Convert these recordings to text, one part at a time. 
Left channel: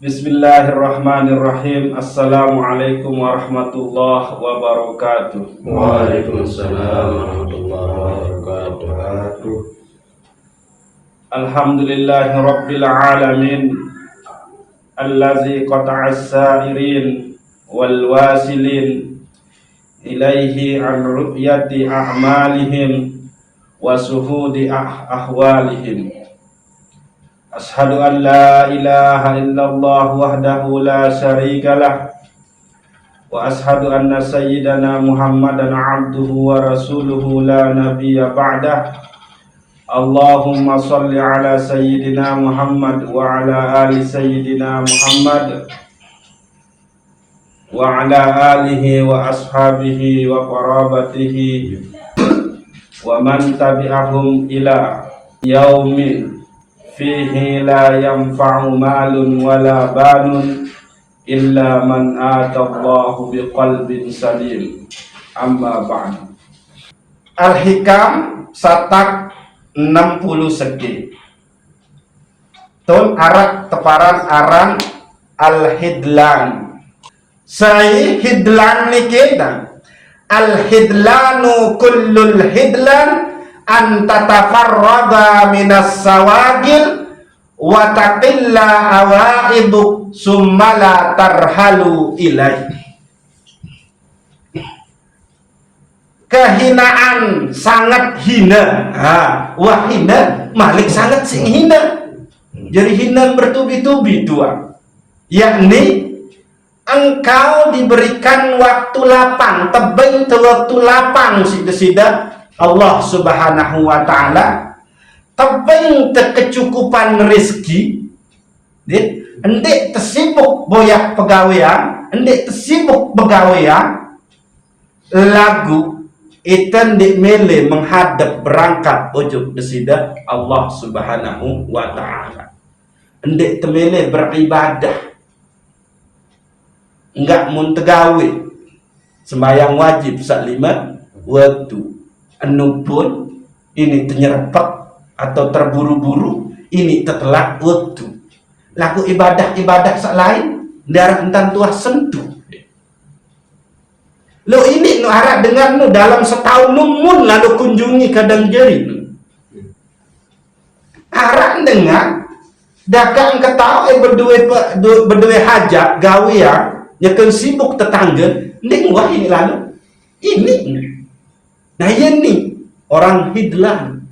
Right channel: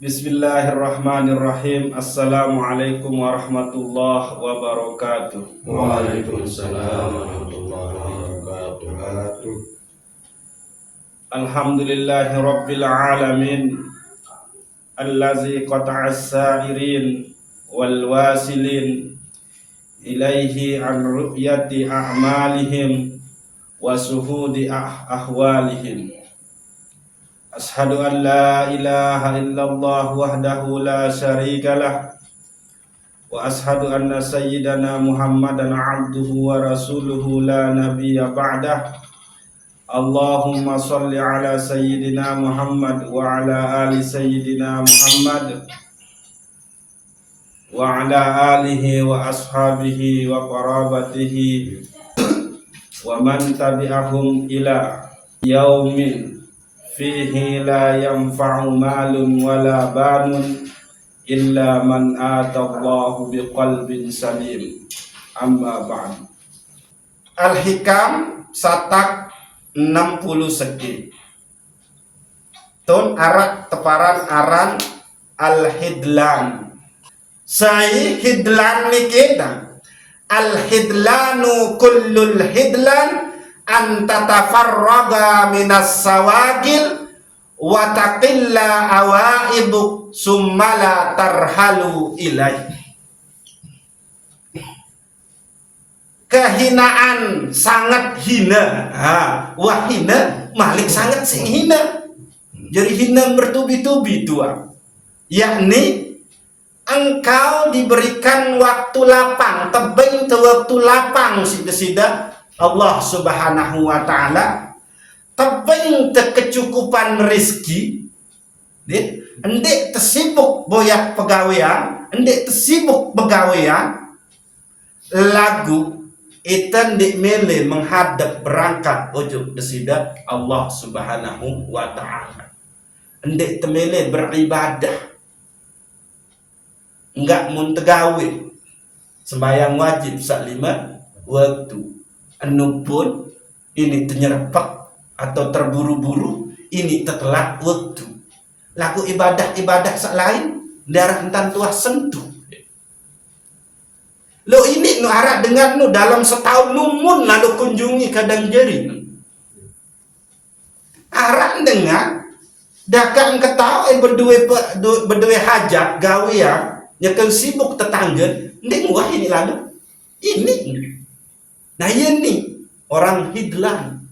Bismillahirrahmanirrahim. Assalamualaikum warahmatullahi wabarakatuh. Waalaikumsalam warahmatullahi wabarakatuh. Alhamdulillahi rabbil alamin allazi qata'as sa'irin wal wasilin ilaihi an ru'yati a'malihim wa suhudi ahwalihim. Ashhadu an la ilaha illallah wahdahu la syarikalah wa ashhadu anna sayyidana Muhammadan abduhu wa rasuluhu la nabiyya ba'dah. Allahumma salli ala sayyidina Muhammad wa ala ali sayyidina Muhammad wa ala alihi wa ashabihi wa qarabatihi wa man tabi'ahum ila yaumin fihi la yanfa'u malun wala banun illa man atallahu biqalbin salim. Amma ba'd. Al-Hikam satak 60 segi. Tun arak teparan aran al-hidlan. Sai hidlan niki al-hidlanu kullul hidlan an tatafarraga minas sawagil wa taqilla awaibu summa la tarhalu ilai. Kehinaan sangat hina. Wah hina, malik sangat sing hina. Jadi hina bertubi-tubi tua. Yakni engkau diberikan waktu lapang, tebing te waktu lapang sida-sida Allah subhanahu wa ta'ala tebing kecukupan rezeki, endek tersibuk boyak pegawaian, endek tersibuk pegawaian, lagu itan dik mele menghadap berangkat ujuk desida Allah subhanahu wa ta'ala. Endek temele beribadah, enggak muntegawe sembahyang wajib sak 5 waktu. Anu pun ini ternyerpak atau terburu-buru, ini tetelat waktu. Laku ibadah-ibadah sak lain darah entan tuah sentuh. Lo ini nu arah dengan nu dalam setahun numun lalu kunjungi kadang jeri. Arah dengan dakang ketawa berdua hajat gawian nyekel sibuk tetangga ning wah ini lalu ini. Nah ini orang hidlan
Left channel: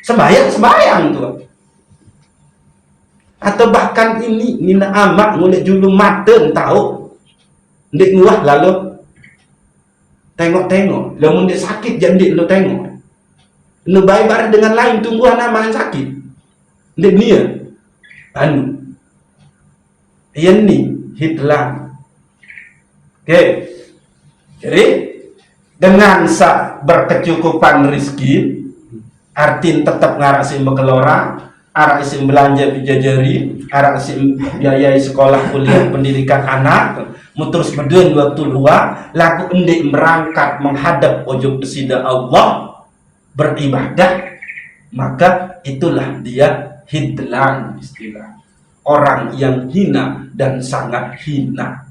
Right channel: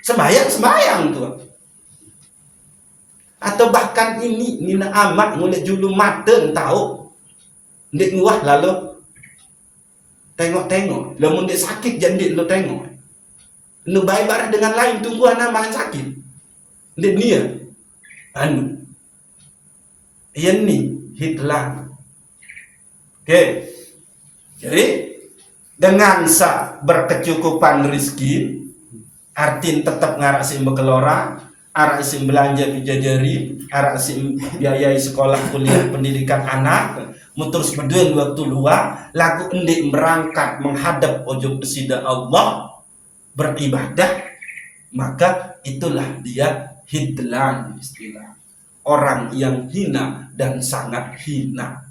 sembayang tuh, atau bahkan ini mina amak ngulik julung maten tahu ndik nguah lalu tengok lamun dia sakit jadi lu tengok lu baik bareng dengan lain tunggu nama yang sakit ndik nia anu ini hidlan. Oke, jadi dengan berkecukupan rezeki, artin tetap ngarak sim bekelora, arak sim belanja bijajari, arak sim biayai sekolah kuliah pendidikan anak, muterus beden waktu luar, lagu endik berangkat menghadap ujung desida Allah beribadah, maka itulah dia hidlan istilah. Orang yang hina dan sangat hina.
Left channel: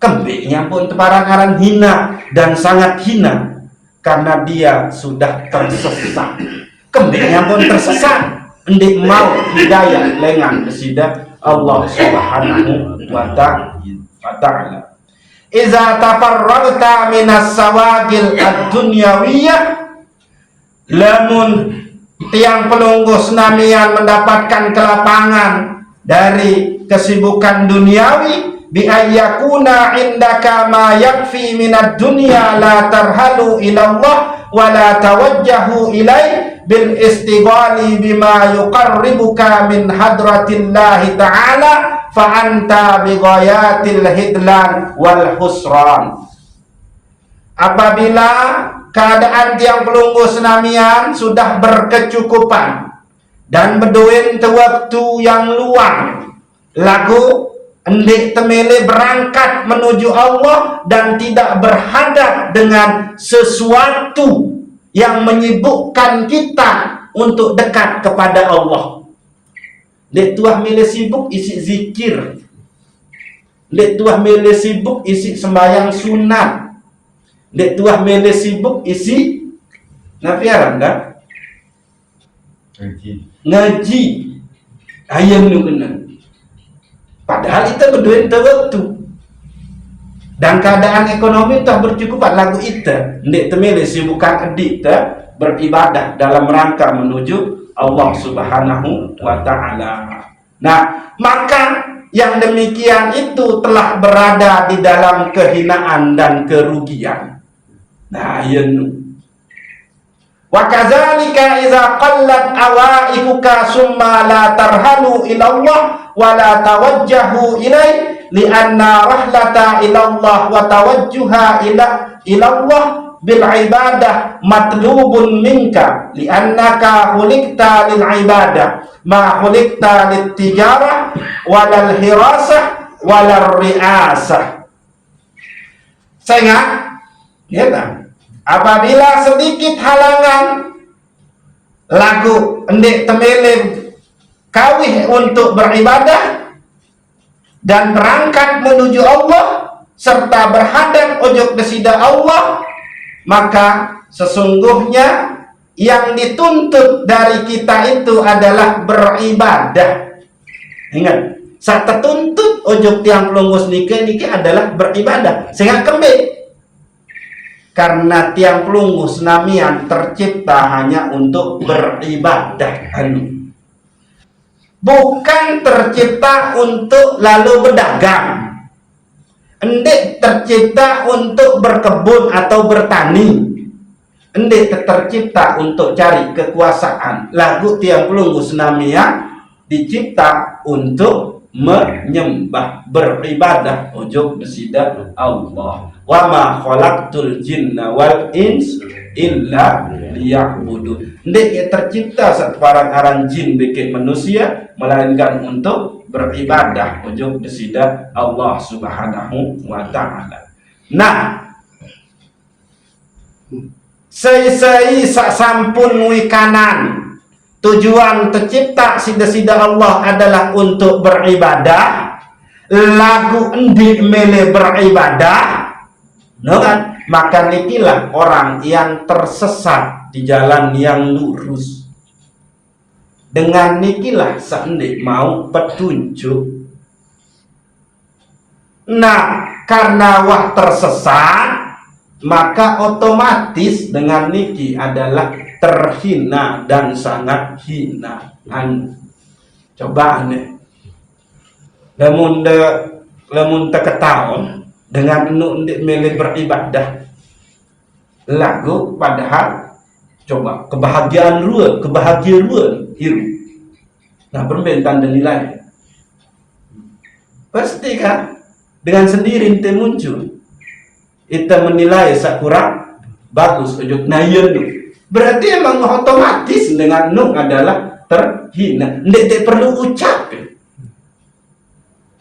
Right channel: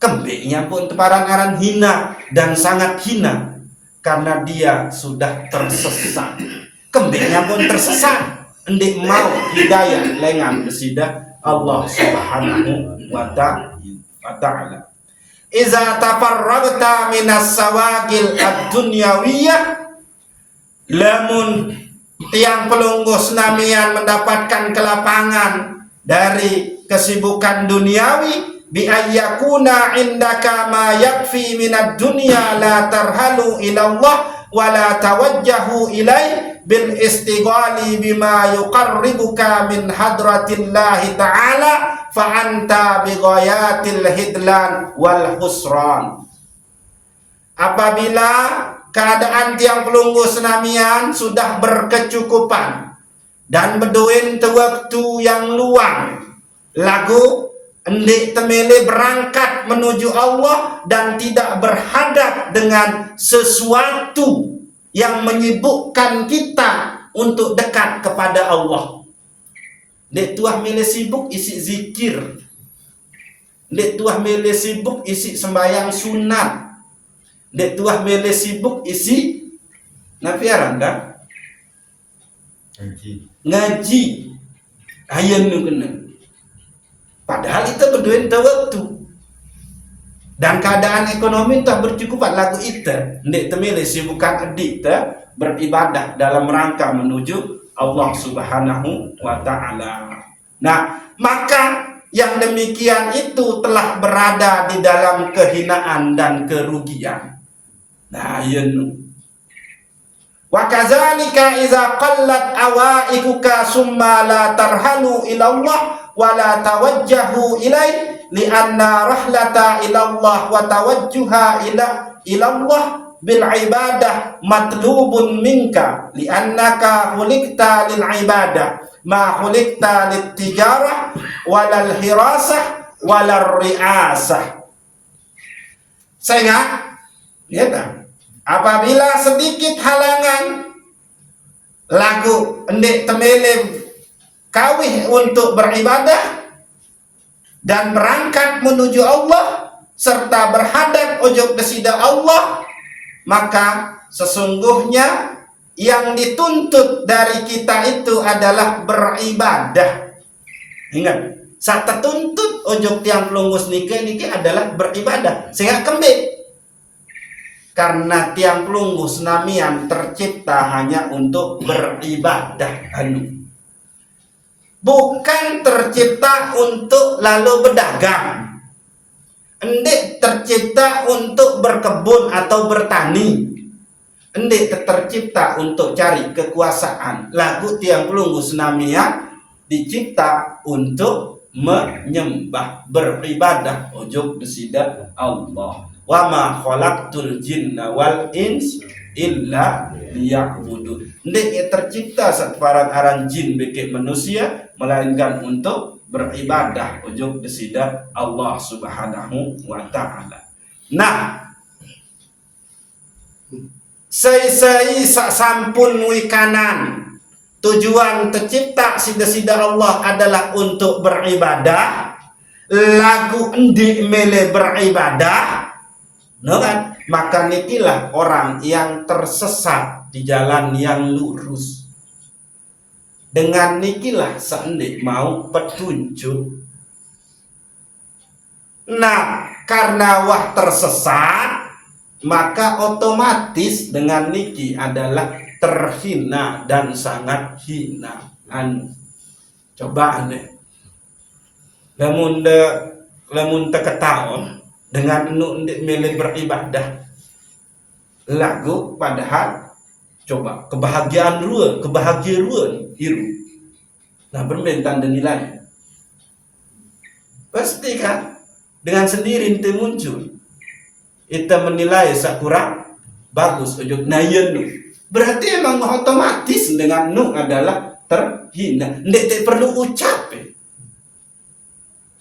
Kembingnya pun teparan hina dan sangat hina karena dia sudah tersesat. Kembingnya pun tersesat, ndik mau hidayah lengan desida Allah subhanahu wa ta'ala. Iza tafarragta minas sawagil ad-dunyawiyah, lamun tiang penunggu senamian mendapatkan kelapangan dari kesibukan duniawi, bi ayyakuna indaka ma yakfi minad dunya la tarhalu ilallah wa la tawajjahu ilai bil istighali bima yuqarribuka min hadratillahi ta'ala fa anta bi ghayatil hidlan wal husran. Apabila keadaan tiang pelunggu senamian sudah berkecukupan dan berduin te waktu yang luang, lagu endik temele berangkat menuju Allah dan tidak berhadap dengan sesuatu yang menyibukkan kita untuk dekat kepada Allah. Dek tuah mele sibuk isi zikir. Dek tuah mele sibuk isi sembahyang sunat. Dek tuah mele sibuk isi nafiaran dah ngaji. Ayam nu kena. Padahal itu berduit waktu. Dan keadaan ekonomi tak bercukupan lagu itu. Ndek temele sibukan adik tak beribadah dalam rangka menuju Allah Subhanahu wa taala. Nah, maka yang demikian itu telah berada di dalam kehinaan dan kerugian. Nah, yen wa kadzalika idza qallat awaikuka summa la tarhanu ila Allah wa la tawajjahu ilai lianna rahlata ila Allah wa tawajjuha ila Allah bil ibadah matlubun minka liannaka khuliqta lil ibadah ma khuliqta lit tijarah walal hirasah walal riasah. Sehingga ya tak? Apabila sedikit halangan lagu endek temele kawih untuk beribadah dan berangkat menuju Allah serta berhadap ojok kesida Allah, maka sesungguhnya yang dituntut dari kita itu adalah beribadah. Ingat, saat tertuntut ojok tiang pelunggus nike adalah beribadah. Sehingga kembali karena tiang pelunggus namian tercipta hanya untuk beribadah, bukan tercipta untuk lalu berdagang. Endek tercipta untuk berkebun atau bertani. Endek tercipta untuk cari kekuasaan. Lagu tiang pelunggus namian dicipta untuk menyembah, beribadah ojok besida Allah. Wa ma khalaqtul jinna wal ins illa liya'budun. Ndek tercipta satu aran jin bikin manusia melainkan untuk beribadah ujung besida Allah Subhanahu wa taala. Nah, sai sak sampun wikanan tujuan tercipta sida-sida Allah adalah untuk beribadah. Lagu endi mele beribadah, no kan? Maka nikilah orang yang tersesat di jalan yang lurus. Dengan nikilah sendi mau petunjuk. Nah, karena wah tersesat, maka otomatis dengan niki adalah terhina dan sangat hina. Coba aneh. Lemun ketahuan dengan nundik milik beribadah lagu, padahal coba kebahagiaan ruan hiru. Nah, perbentan dan nilai pasti kan dengan sendiri ente muncul kita menilai sakurang bagus ujuk nayen. Berarti emang otomatis dengan nu adalah terhina. Ndek perlu ucap.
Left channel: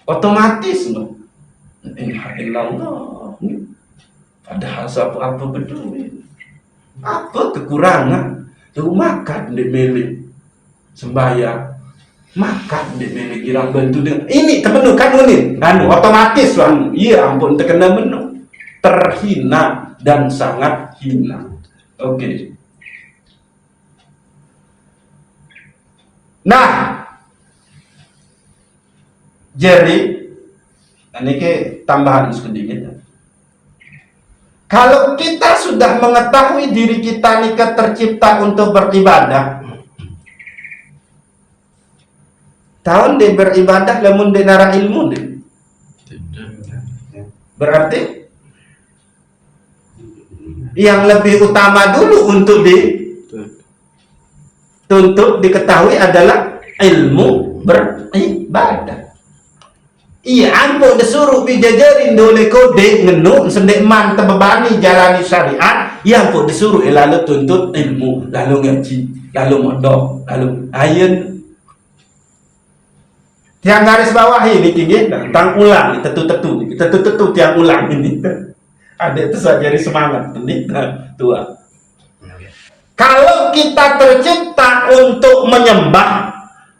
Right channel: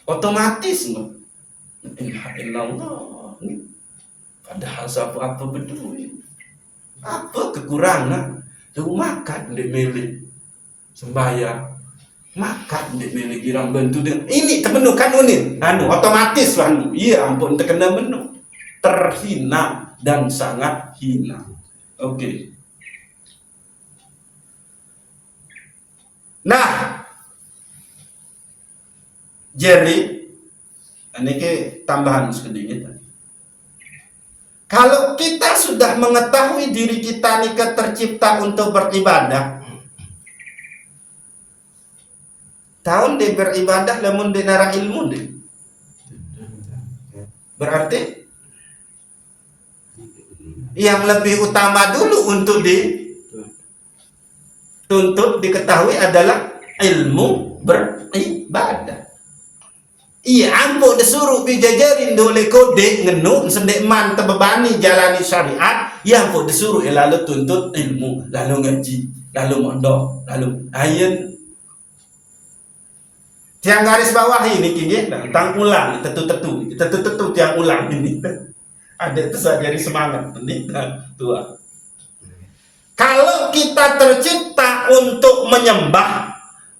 Otomatis no. Innalillah. Padahal apa peduli. Apa kekurangan? Tuh makan di milik sembahyang, makan di milik girang bantu dia. Ini terpenuh kan ini. Otomatis lah. Iya ampun terkena menu. Terhina dan sangat hina. Oke. Nah, jadi ini ke tambahan sedikit. Kalau kita sudah mengetahui diri kita nikah tercipta untuk beribadah, tahun dia beribadah lamun dia nara ilmu deh. Berarti yang lebih utama dulu untuk dituntut diketahui adalah ilmu beribadah. Iya, ambo disuruh bijajarin dole kode ngenu sendek man tebebani jalani syariat. Iya, ambo disuruh lalu tuntut ilmu, lalu ngaji, lalu mondok, lalu ayen. Tiang garis bawah ini kini tentang ulang, tetu tiang ulang ini. Ada itu saja dari semangat ini tua. Kalau kita tercipta untuk menyembah,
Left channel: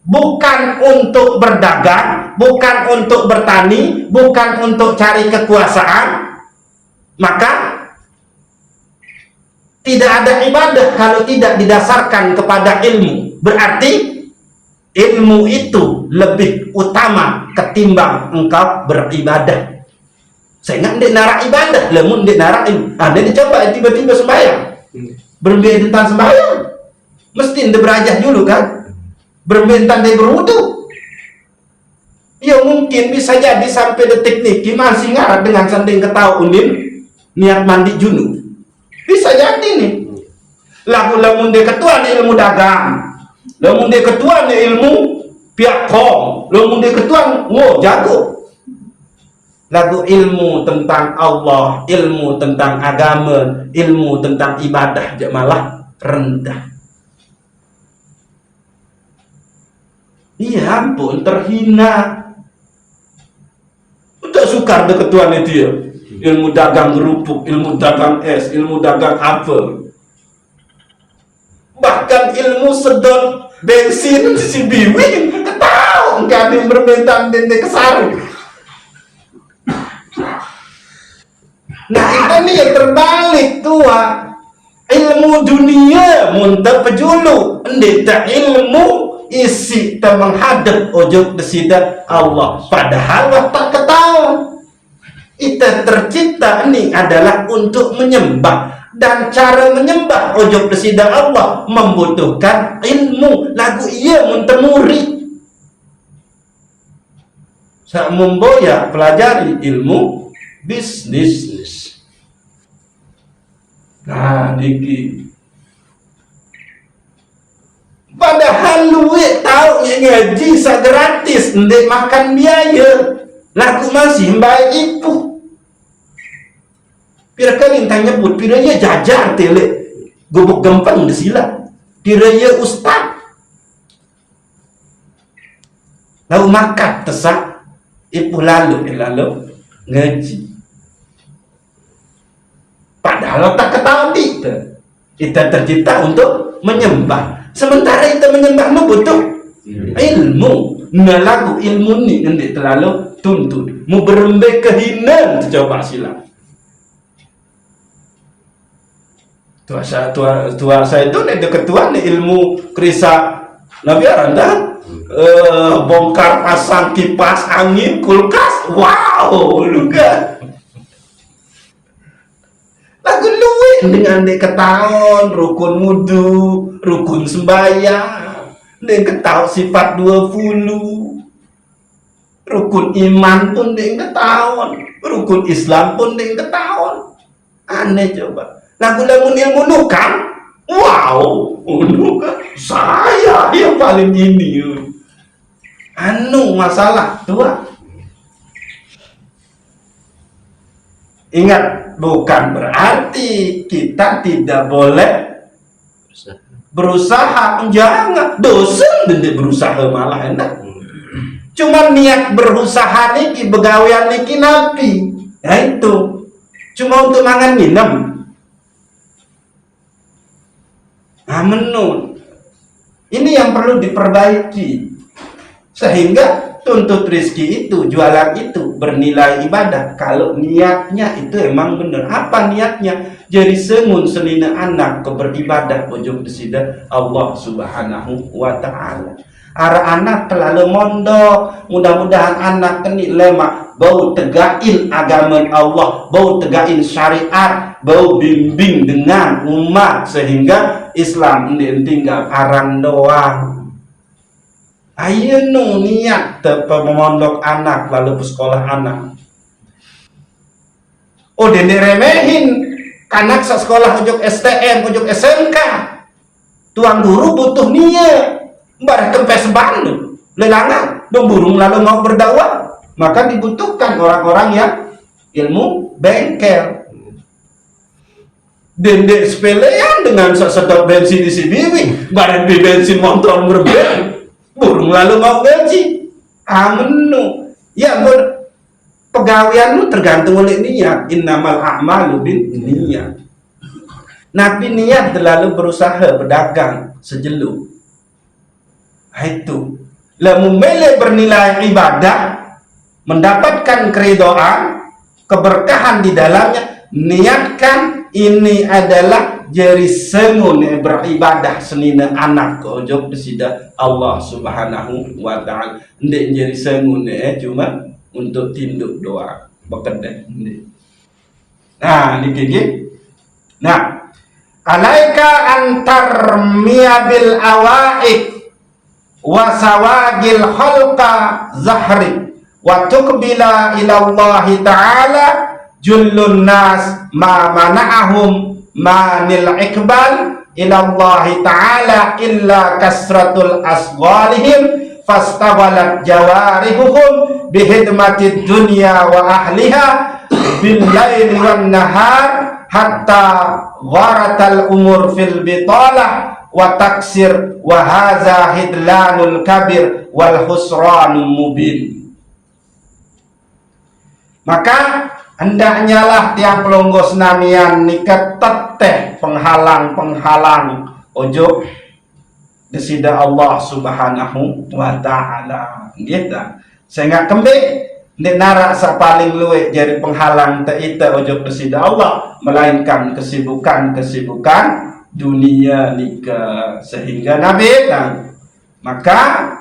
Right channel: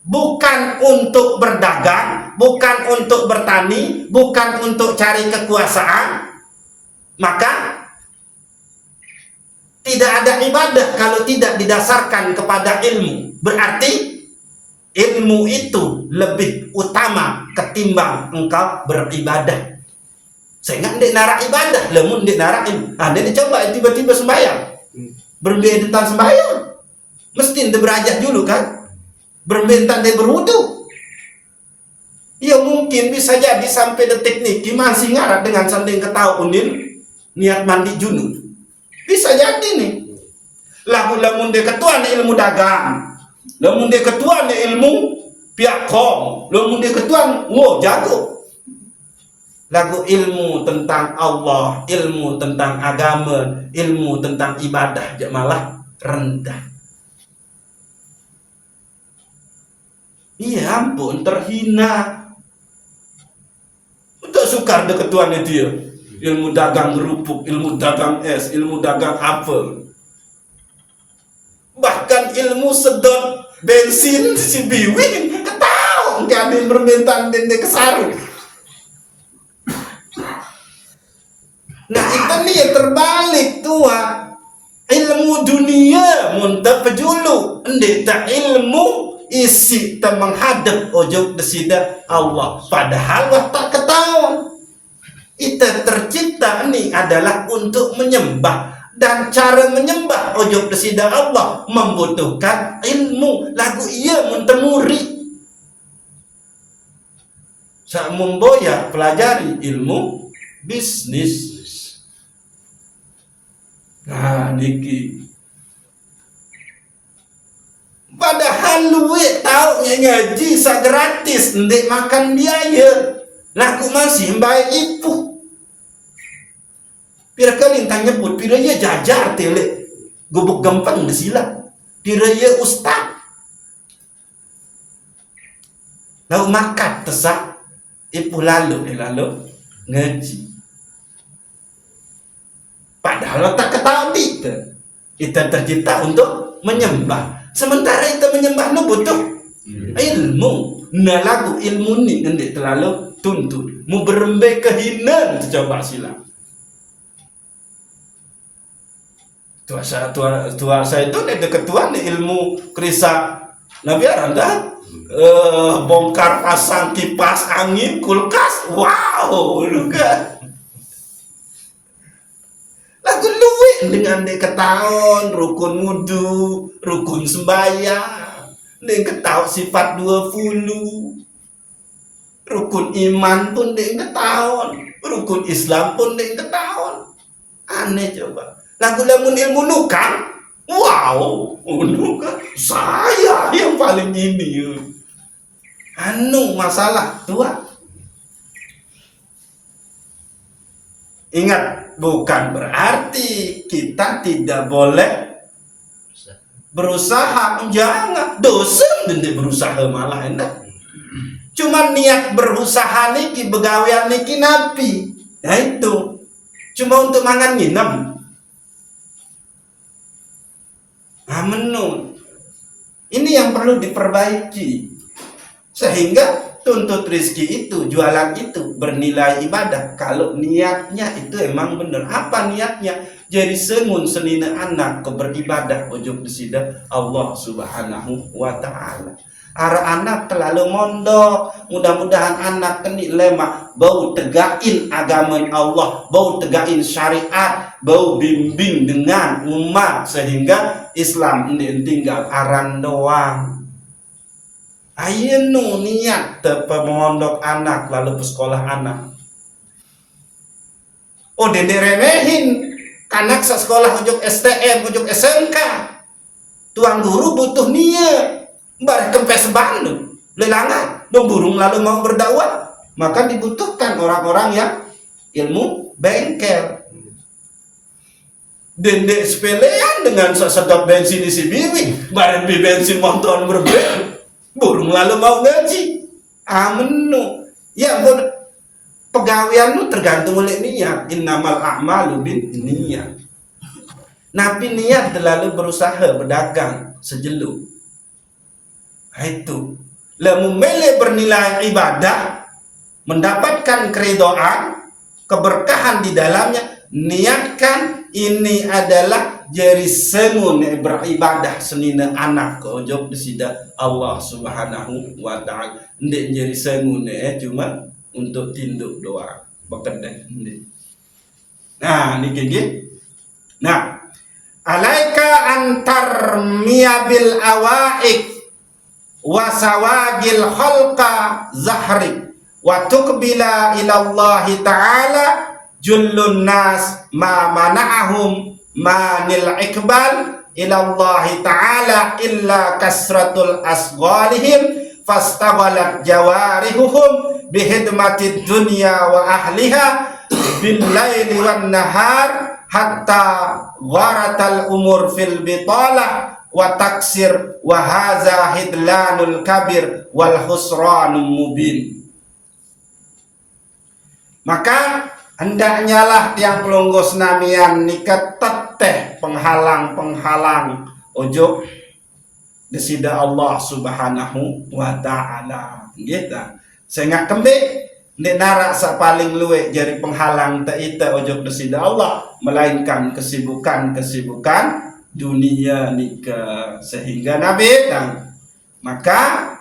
bukan untuk berdagang, bukan untuk bertani, bukan untuk cari kekuasaan, maka tidak ada ibadah kalau tidak didasarkan kepada ilmu. Berarti ilmu itu lebih utama ketimbang engkau beribadah. Sehingga dia narak ibadah, lemun dia narak ilmu. Dia dicoba tiba-tiba sembahyang, berhenti tentang sembahyang, mesti dia berajah dulu kan, berbentan dia berwudu. Ya mungkin bisa jadi sampai detik niki masih ngarat dengan sanding ketahu unin niat mandi junub. Bisa jadi nih. Lamun dia ketua di ilmu dagang, lamun dia ketua di ilmu pihak kom, lamun dia ketua jago. Lagu ilmu tentang Allah, ilmu tentang agama, ilmu tentang ibadah dia malah rendah. Iya ampun, terhina. Udah sukar deh ketuaan itu ya. Ilmu dagang kerupuk, ilmu dagang es, ilmu dagang apel. Bahkan ilmu sedot bensin si biwing, ketahu nggak ada yang berbentang dan kesarung. Nah itu nih yang terbalik tua. Ilmu dunia muntah pejulu, ndeta ilmu isi tak menghadap ojo desida Allah. Padahal tak ketahuan. Kita tercipta ini adalah untuk menyembah, dan cara menyembah ojo desida Allah membutuhkan ilmu. Lagu iya muntah muri. Saya memboya pelajari ilmu bisnis. Nah, niki. Padahal lu tahu ngaji sa gratis, ndek makan biaya. Lagu masih baik ibu. Pira kali tanya nyebut, pira ya jajar tele. Gobok gempang desilat. Pira ya ustad. Lalu makan tesak. Ibu lalu ngaji. Padahal tak ketahui kita tercipta untuk menyembah. Sementara kita menyembah itu butuh ilmu. Nah lagu ilmu ini nanti terlalu tuntut. Mau berembek kehinaan coba sila. Tua saya itu nih ketua nih ilmu kerisa Nabi Aranda. Bongkar pasang kipas angin kulkas. Wow, lu kan. Lagu luwih dengan dek ketahuan rukun wudu, rukun sembahyang, dek ketahuan sifat 20, rukun iman pun dek ketahuan, rukun Islam pun dek ketahuan. Aneh coba. Lagu ilmu nukan, wow, nukan. Saya yang paling ini. Anu masalah tua. Ingat, bukan berarti kita tidak boleh berusaha. Jangan, dosen dan berusaha malah enak. Cuma niat berusaha niki, begawian niki napi. Nah itu, cuma untuk makan minum. Nah menun, ini yang perlu diperbaiki. Sehingga tuntut rizki itu, jualan itu bernilai ibadah. Kalau niatnya itu emang benar. Apa niatnya? Jadi semun senina anak ke beribadah ujung desida Allah subhanahu wa ta'ala. Ara anak terlalu mondok. Mudah-mudahan anak ini lemah. Bau tegain agama Allah, bau tegain syariat, bau bimbing dengan umat. Sehingga Islam ini tinggal aran doang. Ayo nu niat memondok anak lalu ke sekolah anak. Oh dan diremehin anak sa sekolah ujuk STM, ujuk SMK. Tuan guru butuh niat. Barang kempes bandu, lelangan, dong burung lalu mau berdakwah. Maka dibutuhkan orang-orang yang ilmu bengkel. Dendek sepelean dengan sedot bensin di sini, barang di bensin motor berbeda. Burung lalu mau gaji. Amenu. Ya pegawaian lu tergantung oleh niat. Innamal a'malu bin niat. Nabi niat terlalu berusaha berdagang sejeluk. Itu lamun mele bernilai ibadah, mendapatkan keridhaan, keberkahan di dalamnya, niatkan ini adalah jeri sengun beribadah senina anak ke ojok desida Allah Subhanahu wa ta'ala. Ndek jeri sengun cuma untuk tinduk doa bekedek ndek. Nah dikit. Nah, alaika antar miyabil awaik wa sawagil khalqa zahri wa tuqbila ila Allah ta'ala jullun nas ma mana'ahum manil ikbal ila Allah ta'ala illa kasratul asghalihim fastawalat jawarihuhum bihidmatid dunya wa ahliha bil laili wan nahar hatta gharatal umur fil bitalah wa taksir wa hadza hidlanul kabir wal husranul mubin. Maka hendaknya lah tiang pelonggos namian nikat teteh penghalang ojo desida Allah Subhanahu wa ta'ala gitu. Sehingga kembali di narak sa paling luwe jadi penghalang teita ojo desida Allah, melainkan kesibukan dunia nikah. Sehingga Nabi dan maka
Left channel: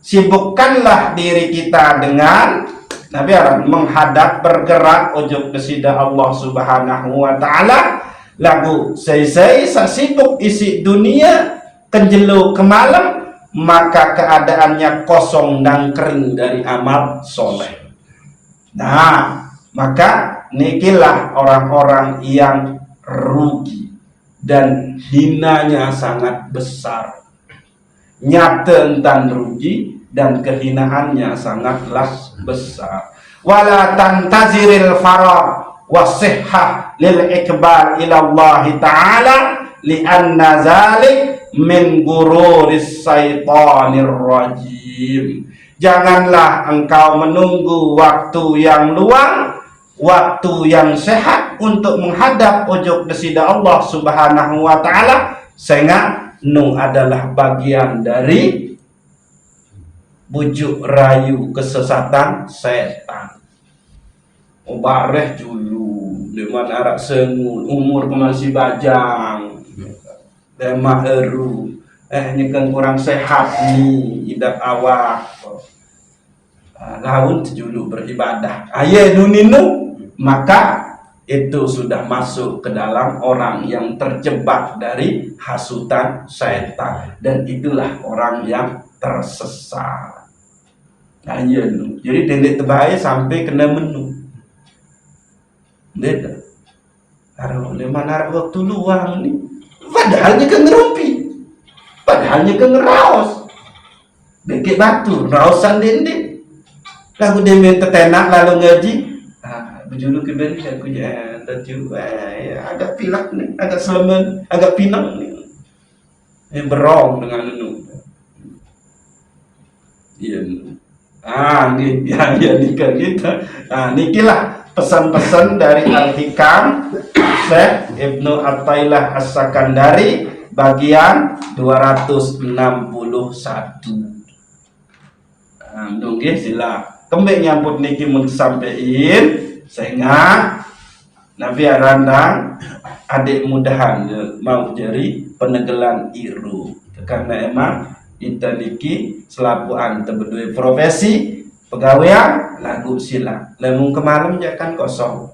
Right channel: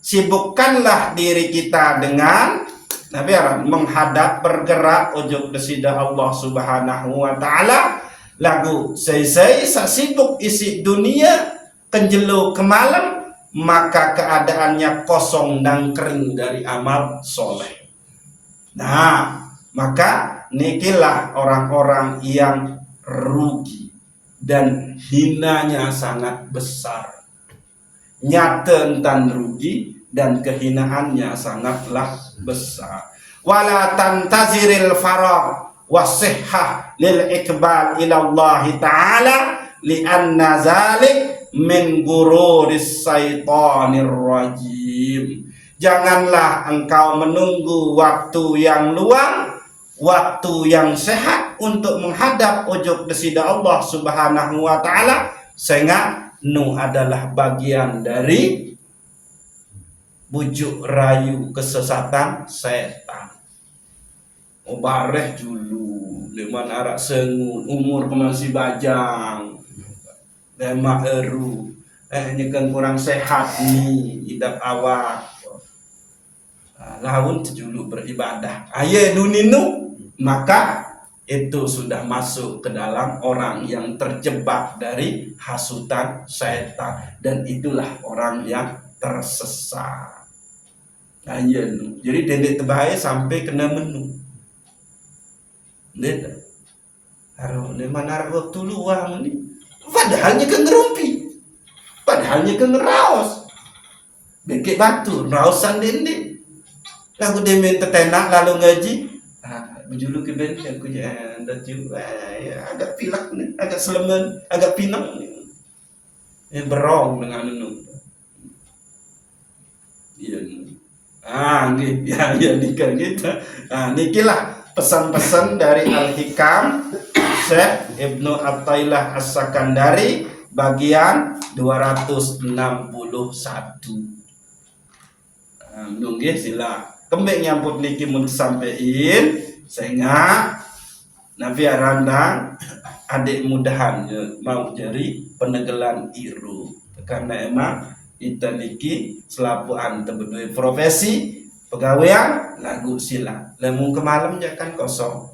sibukkanlah diri kita dengan Nabi menghadap bergerak ojo desida Allah Subhanahu wa ta'ala. Lagu saya sibuk isi dunia kenjelu ke malam, maka keadaannya kosong dan kering dari amal soleh. Nah, maka nikilah orang-orang yang rugi dan hinanya sangat besar. Nyata entan rugi dan kehinaannya sangatlah besar. Wala tantaziril farah wasihhah lil ikbal ila Allah ta'ala li anna zalik min gururis syaitanir rajim. Janganlah engkau menunggu waktu yang luang, waktu yang sehat untuk menghadap ojok desida Allah Subhanahu wa ta'ala, sehingga nu adalah bagian dari bujuk rayu kesesatan setan. Mubareh dulu di mana arak sengun umur masih bajang demak eru ini kan kurang sehat nih hidup awak laun dulu beribadah aye nuninu, maka itu sudah masuk ke dalam orang yang terjebak dari hasutan setan, dan itulah orang yang tersesat. Nah, iya, jadi dendek terbaik sampai kena menu. Dek, taruh di mana waktu luang nih? Padahalnya ke ngerumpi, padahalnya ke ngeraos, deket batu, rausan dendek. Lagu dia minta tenak lalu ngaji. Berjulu ke band aku ada juga agak pilak nih, agak selemen, agak pinang nih. Berong dengan lu. Iya. Ya nikah kita. Nikilah pesan-pesan dari Al-Hikam Syekh Ibnu Athaillah As-Sakandari bagian 261. Nunggu sila. Kembali nyambut niki mun sampein sehingga Nabi Arandang adik mudahan mau jadi penegelan iru, karena emang kita niki selapuan tebedui profesi pegawaian lagu sila lemung kemalam jangan kosong.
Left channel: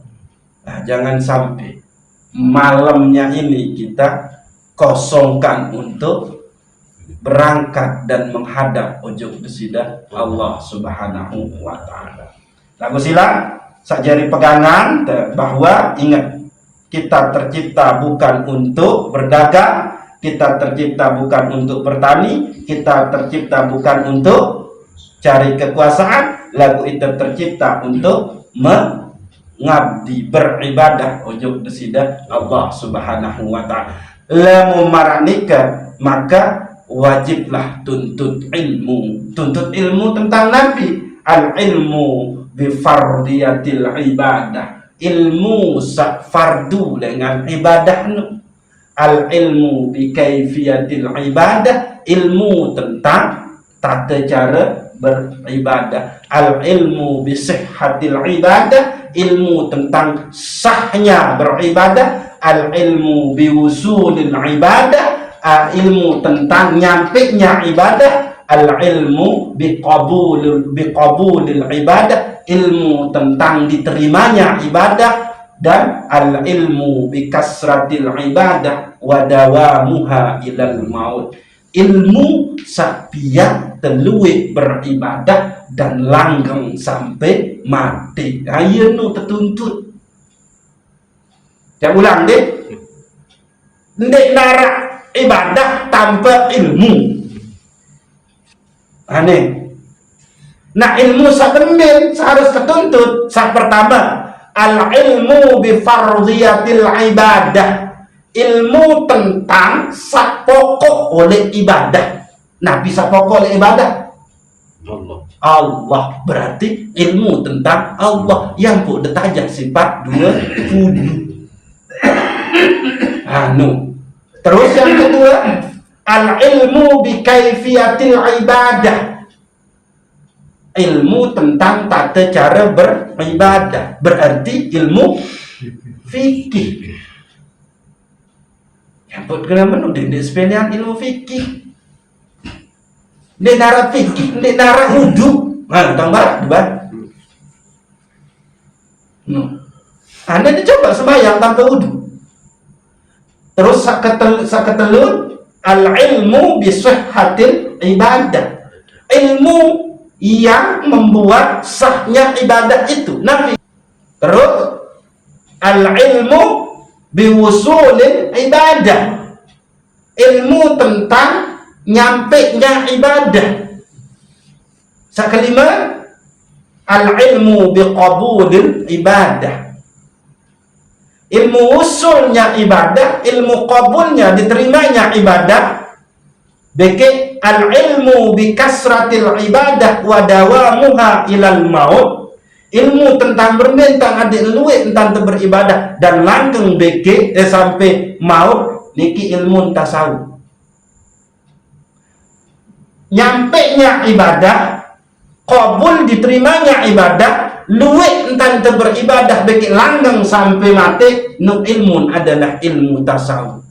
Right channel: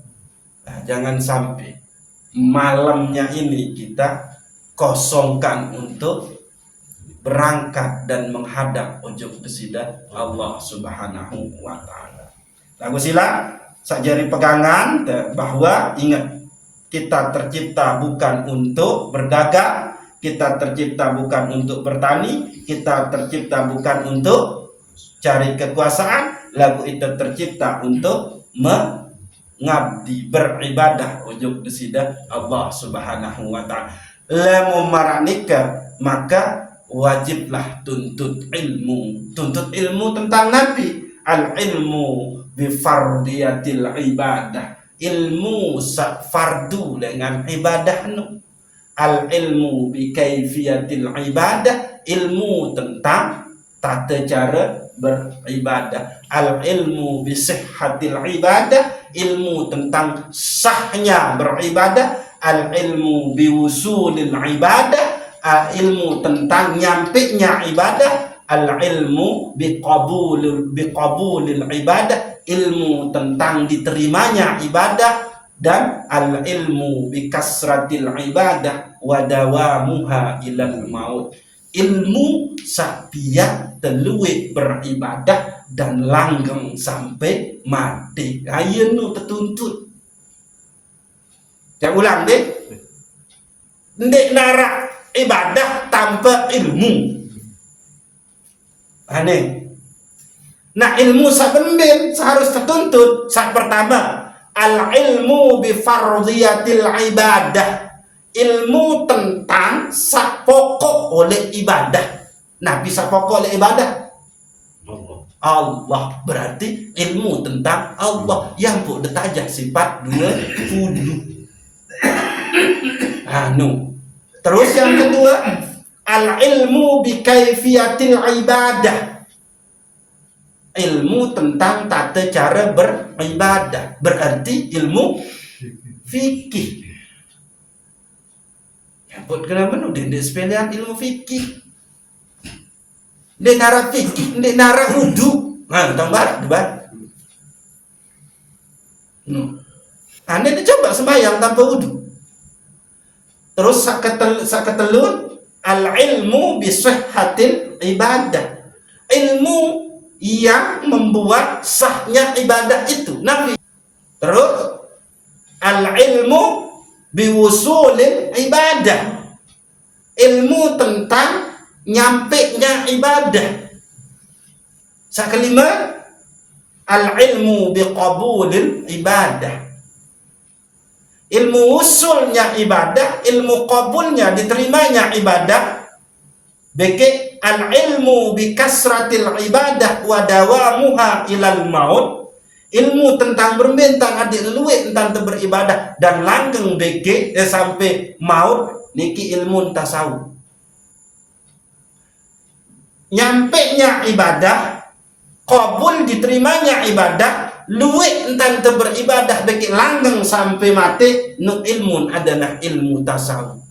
Nah, jangan sampai malamnya ini kita kosongkan untuk berangkat dan menghadap ujung desida Allah Subhanahu wa ta'ala. Lagu sila sajari pegangan bahwa ingat, kita tercipta bukan untuk berdagang, kita tercipta bukan untuk bertani, kita tercipta bukan untuk cari kekuasaan, lagu itu tercipta untuk mengabdi beribadah ujung desida Allah Subhanahu wa ta'ala. Lamu maranika, maka wajiblah tuntut ilmu tentang Nabi. Al ilmu bi fardiyatil ibadah, ilmu fardu dengan ibadah nu. Al ilmu bi kaifiyatil ibadah, ilmu tentang tata cara beribadah. Al ilmu bi sihhatil ibadah, ilmu tentang sahnya beribadah. Al ilmu bi wusulil ibadah, ilmu tentang nyampenya ibadah. Al ilmu bi qabulil ibadah, ilmu tentang diterimanya ibadah. Dan al ilmu bi kasratil ibadah wa dawamuha ilal maut, ilmu sapiak teluik beribadah dan langgeng sampai mati. Ayo nu tertuntut. Saya ulang deh. Ndek narak ibadah tanpa ilmu. Aneh. Nah ilmu sak bendin harus tertuntut. Sak pertama, al ilmu bi fardhiyatil ibadah, ilmu tentang sak pokok oleh ibadah. Nah bisa pokok oleh ibadah Allah, berarti ilmu tentang Allah yang pun detajak sifat dua kudu. Terus yang kedua, al ilmu bi kaifiyatil ibadah, ilmu tentang tata cara beribadah, berarti ilmu fikih. Ya buat kenapa nudik sepelian ilmu fikih? Dia nara fikih, dia nara wudu. Tambah debat. Anda dicoba sembahyang tanpa wudu. Terus saketelun al ilmu bi sihhatil ibadah, ilmu yang membuat sahnya ibadah itu. Nabi. Terus al ilmu bi wusulil ibadah, ilmu tentang nyampenya ibadah. Sakelima al ilmu bi qabulil ibadah, ilmu usulnya ibadah, ilmu qabulnya diterimanya ibadah. Beke al ilmu bi kasratil ibadah wa dawamuha ilal maut, ilmu tentang berbentang adik luwe tentang beribadah dan langgeng beke sampai maut. Niki ilmu tasawuf. Nyampenya ibadah, qabul diterimanya ibadah, luwe entan beribadah beki langgeng sampai mati. Nu ilmun adalah ilmu tasawuf.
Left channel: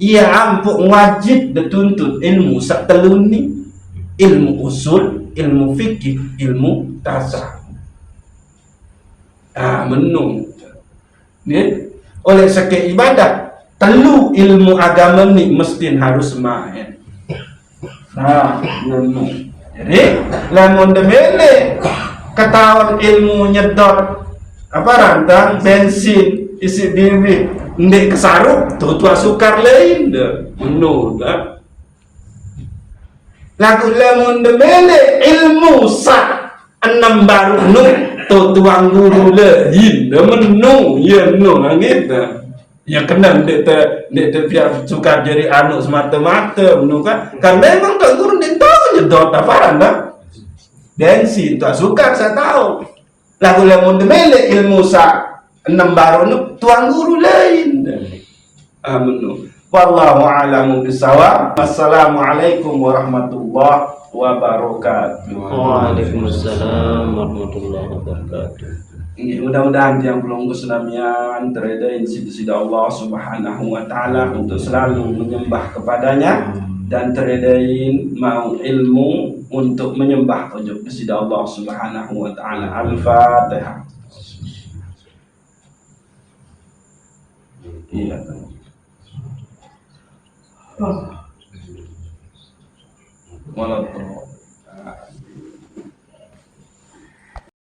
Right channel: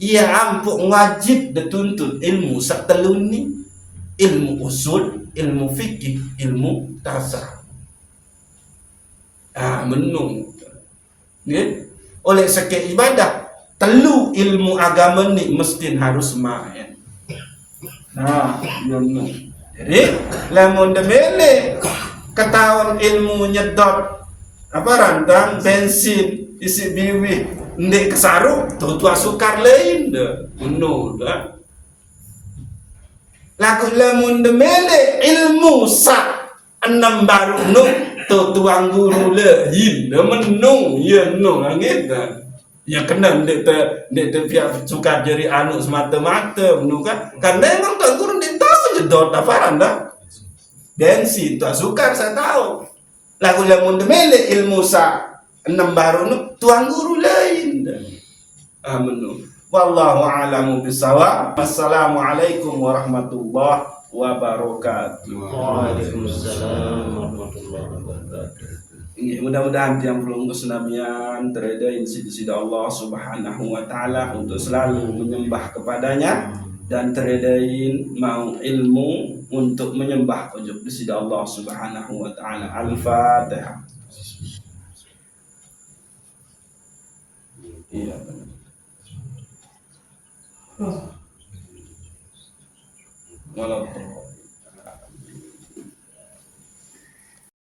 Ia ampuk wajib dituntut ilmu sateluni, ilmu usul, ilmu fikih, ilmu tasawuf. Menung. Ni oleh seke ibadah telu ilmu agama ni mesti harus main. Ilmu. Jadi lamun demene ketahuan ilmu nyedot apa rantang bensin isi biwi ndek kesaruk tua sukar lain dah penuh dah. Lagu lamun demene ilmu sak enam baru nu tuang guru lain dah menu ya nu langit dah. Ya kena ndek biar suka jadi anu semata-mata nu kan memang tak guru ndek tahu nyedot apa dah. Bensin tak sukar saya tahu. Lagu lamun demene ilmu sak enam baru nu tuan guru lain. Wallahu a'lamu bissawab. Wassalamualaikum warahmatullahi wabarakatuh. Waalaikumsalam warahmatullahi wabarakatuh. Mudah-mudahan yang belum kesenamian tereda sida Allah Subhanahu wa taala untuk selalu menyembah kepadanya dan teredain mau ilmu untuk menyembah ujub sida Allah Subhanahu wa taala. Al-Fatihah. Iya. Malah